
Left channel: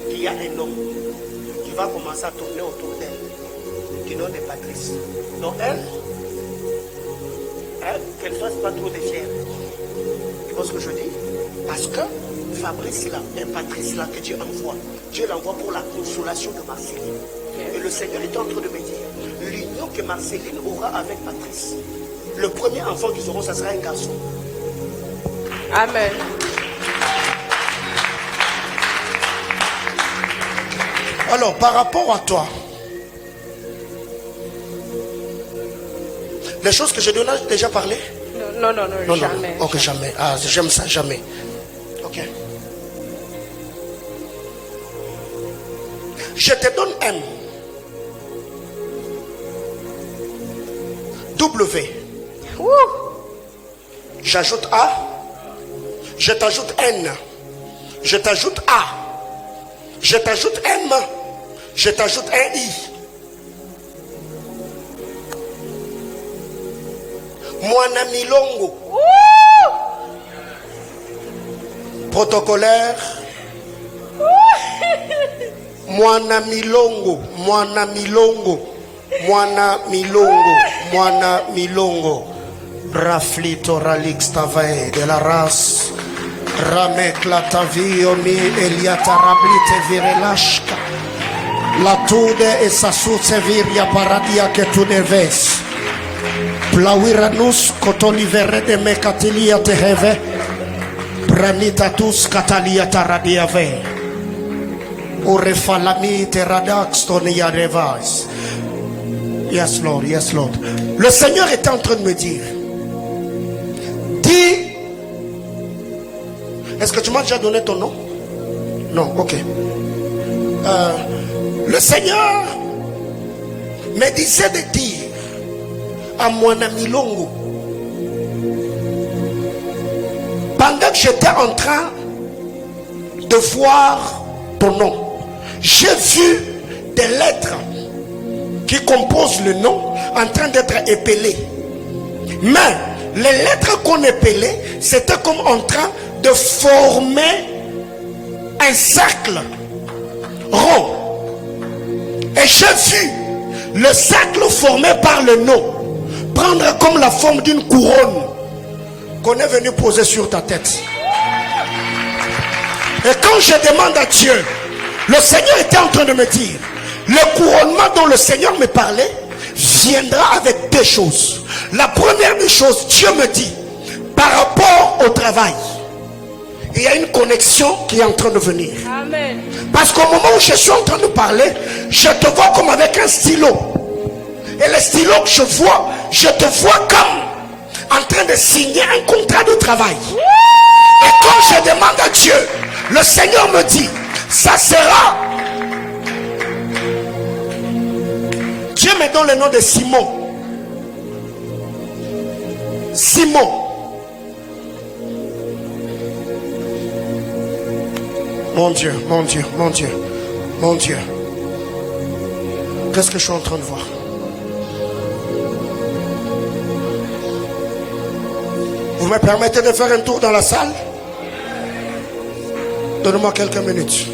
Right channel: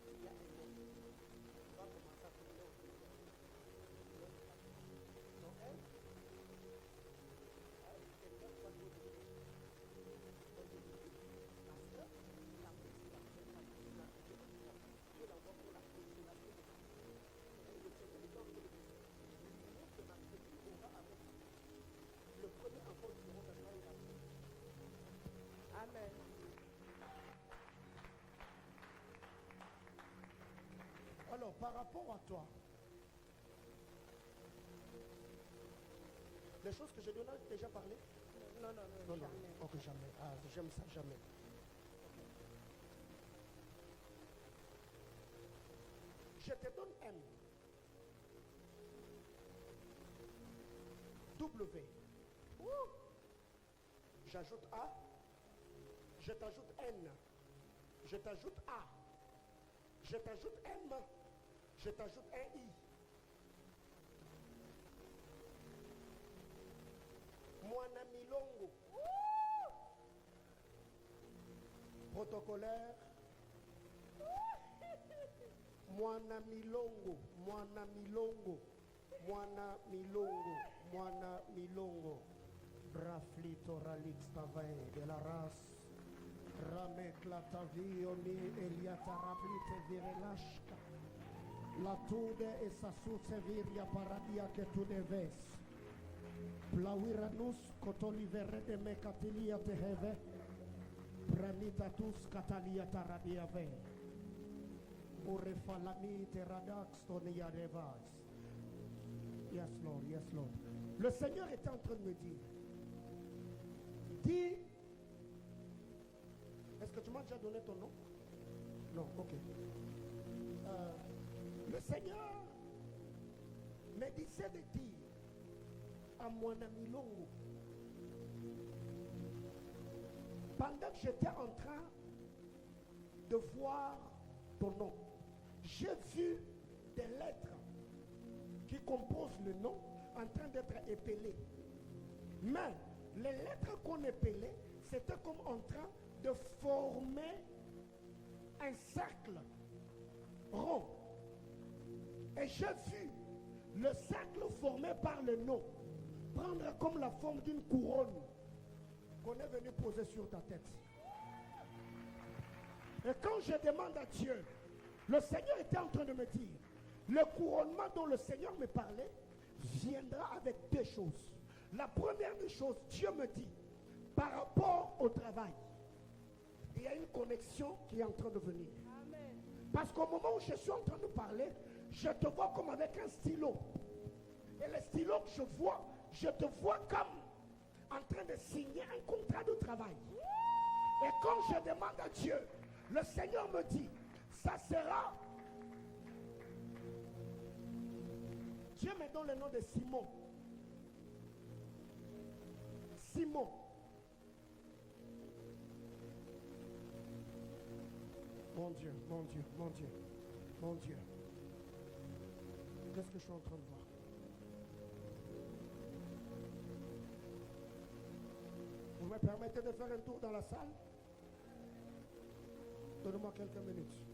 qu'il y a un homme qui va commencer à tourner autour d'elle, du nom de Patrice. Donc elle qu'elle ne fasse pas trop de fièvre. Tu vois ce que je dis? Parce que Fabrice là, et Patrice là que Dieu envoie, Dieu l'envoie pour la consolation de Marceline. Et le Seigneur est en train de me dire, l'union que Marceline aura avec Patrice, le premier enfant qu'ils auront, ça sera un garçon. Amen. Alors, par rapport à toi, les choses que je donne, j'ai déjà parlé? Non, jamais. Ok, jamais. Ah, j'aime ça, jamais. Ok. Je te donne M. W. J'ajoute A. Je t'ajoute N. Je t'ajoute A. Je t'ajoute M. Je t'ajoute un I. Mwana Milongo. Protocolaire. Mwana Milongo. Mwana Milongo. Mwana Milongo. Mwana Milongo. Raflito Ralix Tavae de la race. Ramek la taviomi Eliata Rablite Virelashka. La tude e sasute viria paradia che tu deves. Plawiranus kotolivere de mekatilia teheve. Branitatus katalia taradiave. Urefalami teradax tonia revas. Yes Lord, yes Lord. Le Seigneur est en train de me dire, dis, est-ce que tu m'as déjà donné ton nom? Non, ok. Le Seigneur me disait de dire à Mwana Milongo, pendant que j'étais en train de voir ton nom, j'ai vu des lettres qui composent le nom en train d'être épelées. Mais les lettres qu'on épelait, c'était comme en train de former un cercle rond. Et j'ai vu le cercle formé par le nom prendre comme la forme d'une couronne qu'on est venu poser sur ta tête. Et quand je demande à Dieu, le Seigneur était en train de me dire, le couronnement dont le Seigneur me parlait viendra avec deux choses. La première des choses, Dieu me dit, par rapport au travail, il y a une connexion qui est en train de venir. Amen. Parce qu'au moment où je suis en train de parler, je te vois comme avec un stylo. Et le stylo que je te vois comme en train de signer un contrat de travail. Et quand je demande à Dieu, le Seigneur me dit, ça sera. Dieu me donne le nom de Simon. Simon. Mon Dieu, mon Dieu, mon Dieu, mon Dieu. Qu'est-ce que je suis en train de voir? Vous me permettez de faire un tour dans la salle? Donnez-moi quelques minutes.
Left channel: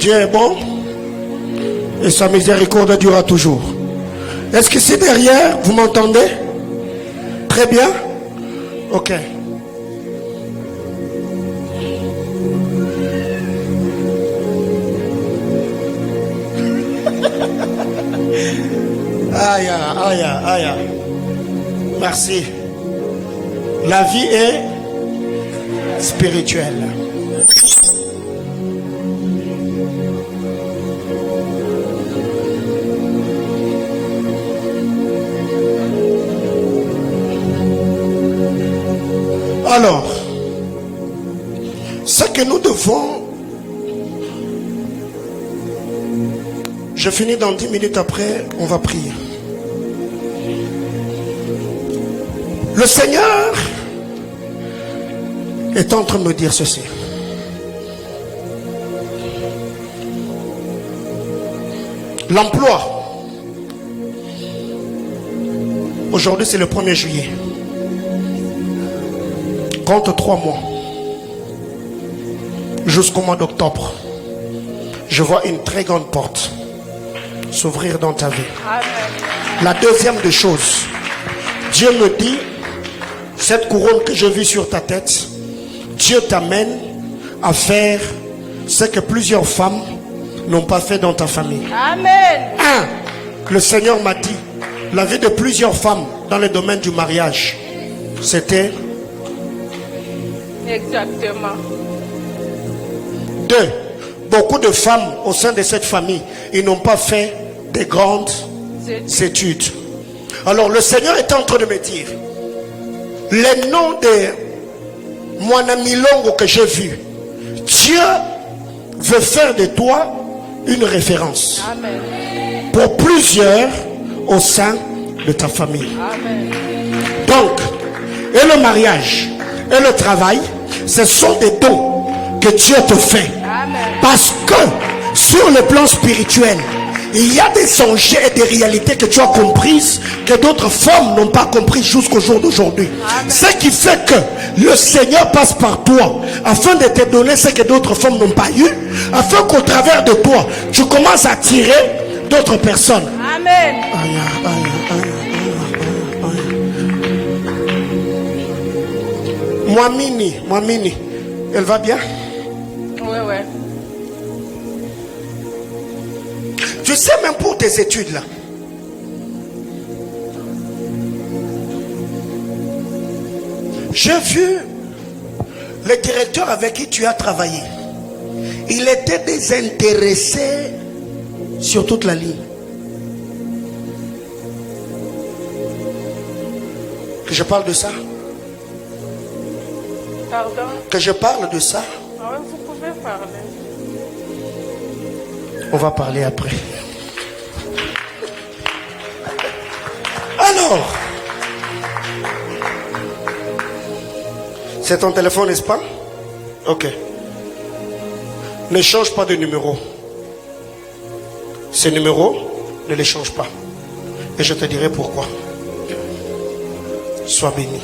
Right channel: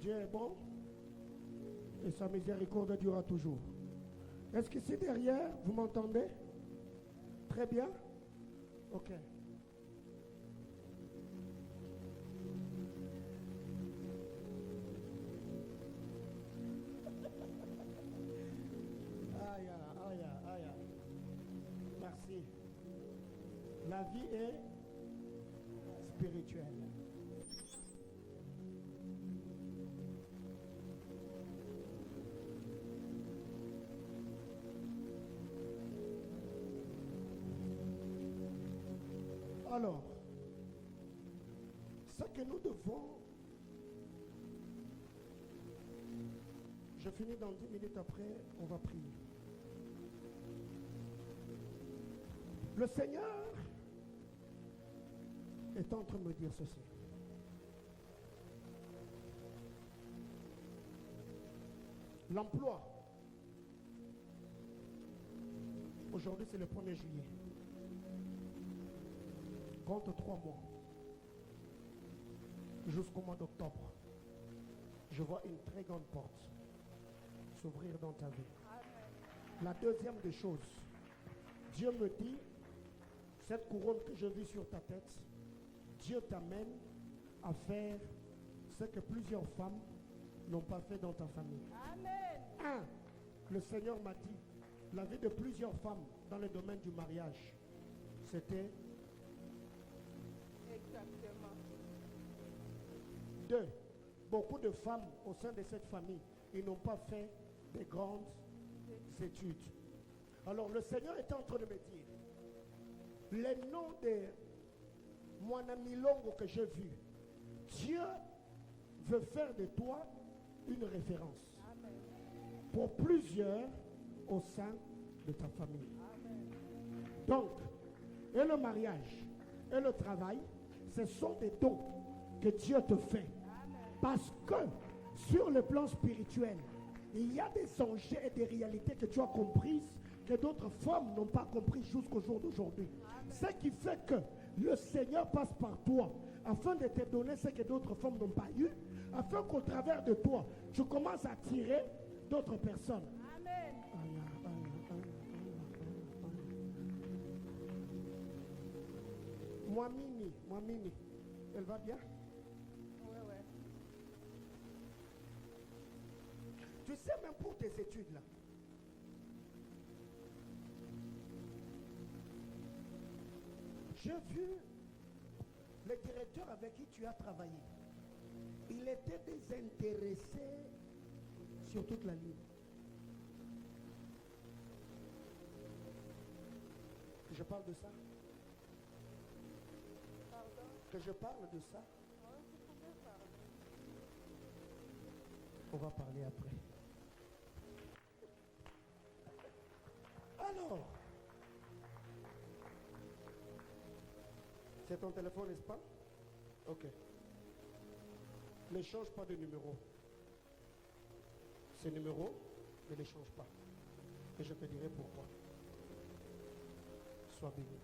Dieu est bon et sa miséricorde durera toujours. Est-ce que c'est derrière? Vous m'entendez? Très bien. Ok. Aïe, aïe, aïe. Merci. La vie est spirituelle. Alors, ce que nous devons, je finis dans 10 minutes après, on va prier. Le Seigneur est en train de me dire ceci. L'emploi. Aujourd'hui, c'est le 1er juillet. Compte 3 mois. Jusqu'au mois d'octobre. Je vois une très grande porte s'ouvrir dans ta vie. Amen. La deuxième des choses, Dieu me dit, cette couronne que je vis sur ta tête, Dieu t'amène à faire ce que plusieurs femmes n'ont pas fait dans ta famille. Amen. Le Seigneur m'a dit, la vie de plusieurs femmes dans le domaine du mariage, c'était... Exactement. 2. Beaucoup de femmes au sein de cette famille, ils n'ont pas fait de grandes études. Alors le Seigneur est en train de me dire, les noms de Mwanamilongo que j'ai vus, Dieu veut faire de toi une référence. Amen. Pour plusieurs au sein de ta famille. Amen. Donc, et le mariage et le travail, ce sont des dons que Dieu te fait. Amen. Parce que sur le plan spirituel, il y a des sujets et des réalités que tu as comprises que d'autres femmes n'ont pas comprises jusqu'au jour d'aujourd'hui. Ce qui fait que le Seigneur passe par toi afin de te donner ce que d'autres femmes n'ont pas eu, afin qu'au travers de toi, tu commences à attirer d'autres personnes. Amen. Aïe, aïe, aïe, aïe, aïe. Mwamini, elle va bien? Oui. Tu sais, même pour tes études là, j'ai vu le directeur avec qui tu as travaillé. Il était désintéressé sur toute la ligne. Que je parle de ça? Pardon? Que je parle de ça? Ah oui, vous pouvez parler. On va parler après. Alors, c'est ton téléphone, n'est-ce pas? Ok. Ne change pas de numéro. Ce numéro, ne les change pas. Et je te dirai pourquoi. Sois béni.